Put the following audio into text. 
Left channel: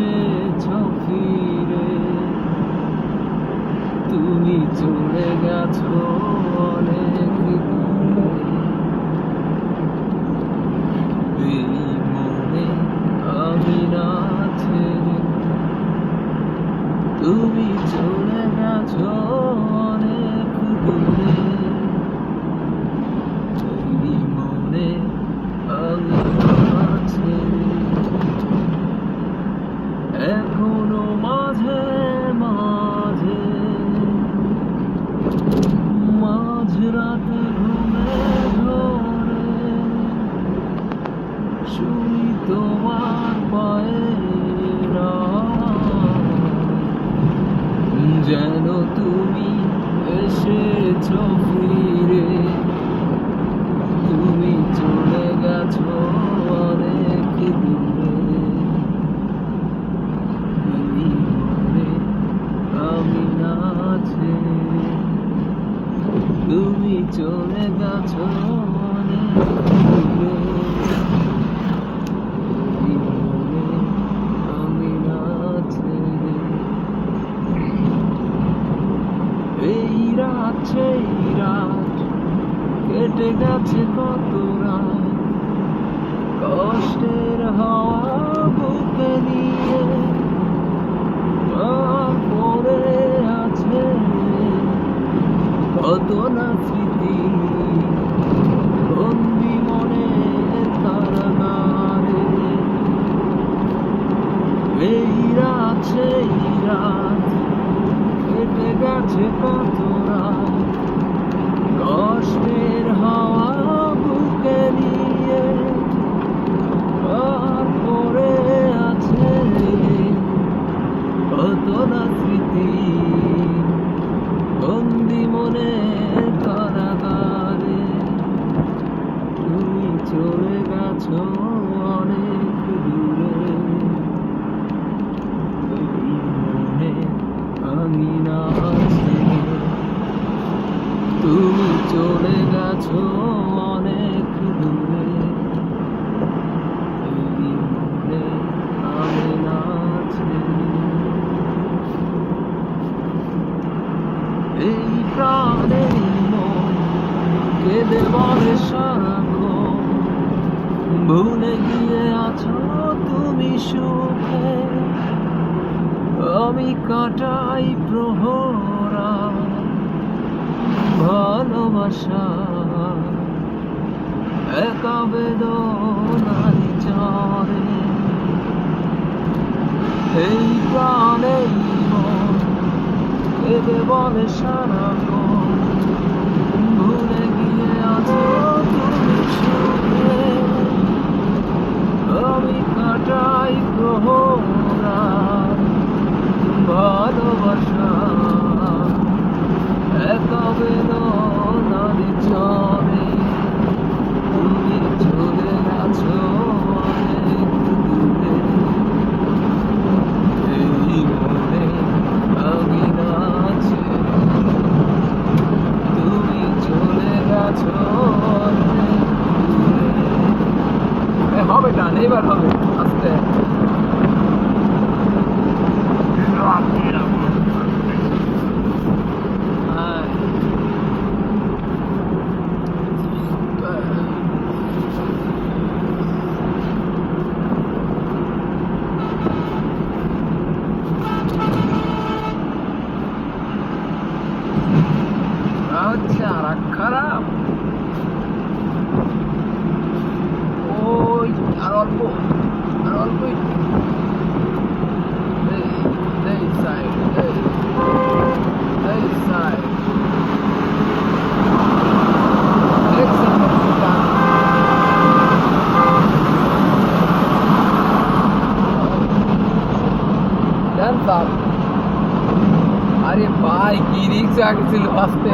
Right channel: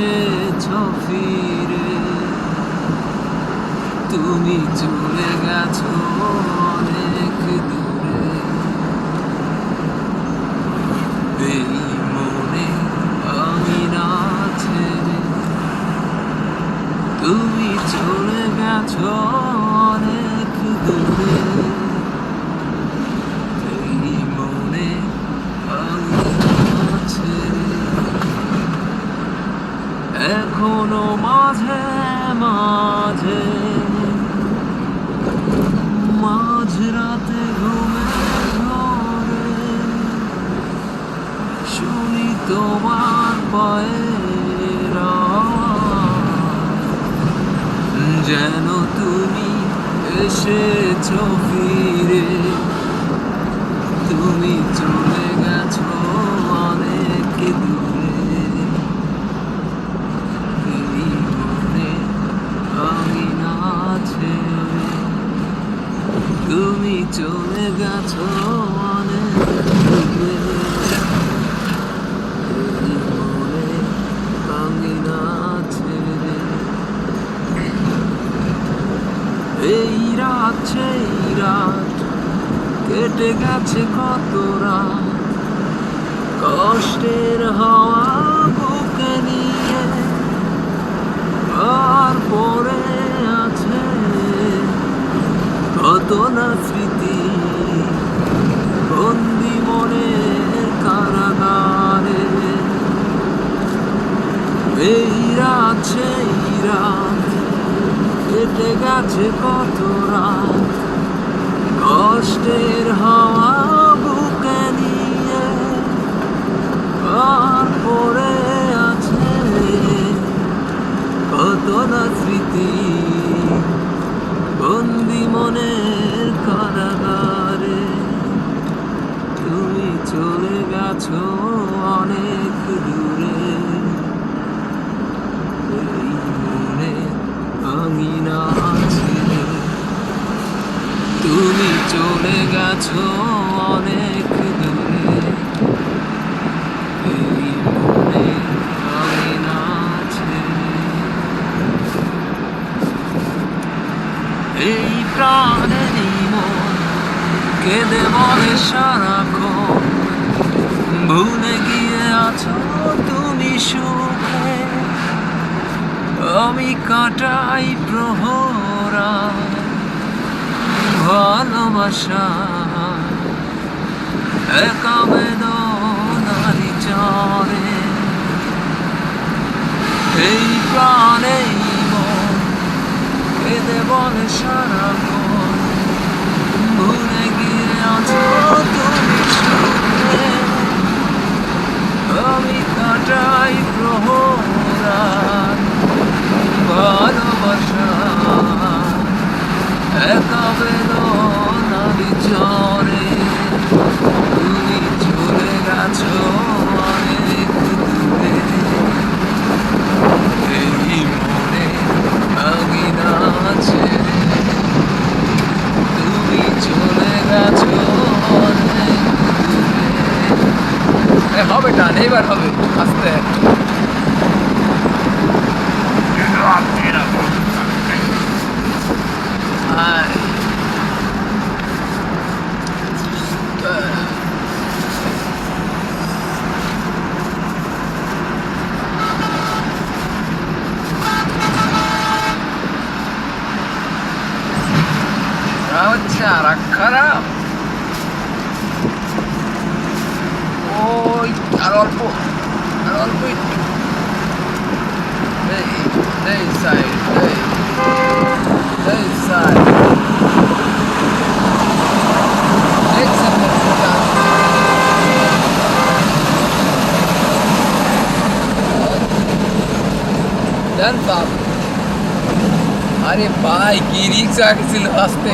এসেছো ফিরে, তুমি চলে গেছো অনেক দূরে। এই মনে আমি না ছেড়ে, তুমি চলে গেছো অনেক দূরে। এই মনে আমি না ছেড়ে, এখনো মাঝে মাঝে মাঝরাতে ঘুমের ঘরে শুনি তোমার পায়ের আওয়াজ, যেন তুমি এসেছো ফিরে, তুমি চলে গেছো অনেক দূরে। এই মনে আমি না ছেড়ে, তুমি চলে গেছো অনেক দূরে। এই মনে আমি না ছেড়ে, এই রাত সেই রাত কেটে গেছে কত রাত, কষ্টের হাওয়া বুকে নিয়ে আর পড়ে আছে কত না স্মৃতি, বন্দি মনের কারাগারে। এই রাত সেই রাত কেটে গেছে কত রাত, কষ্টের হাওয়া বুকে নিয়ে আর পড়ে আছে কত না স্মৃতি, বন্দি মনের কারাগারে। তুমি চলে গেছো অনেক দূরে, এই মনে আমি না ছেড়ে, তুমি চলে গেছো অনেক দূরে। এই মনে আমি না ছেড়ে, এই প্রাণের মন কেঁদে বলে সারাক্ষণ, ভুলে গিয়ে আছো তুমি সুখে, আমি কাটাই প্রহরা ভালোবাসা একা বেদনার চরে। এই প্রাণে মন কেঁদে বলে সারাক্ষণ, ভুলে গিয়ে আছো তুমি সুখে, আমি কাটাই প্রহরা ভালোবাসা একা বেদনার চরে। তুমি চলে গেছো অনেক দূরে, এই মনে আমি না ছেড়ে, তুমি চলে গেছো অনেক দূরে। হবে টান, এবার হবে আস্তে। হচ্ছে আর খারাপ, ওই আর অল্প একটু, এই সাইড, এই সাইড, আরে ভাই কি রিক্সা ছিল আসতে।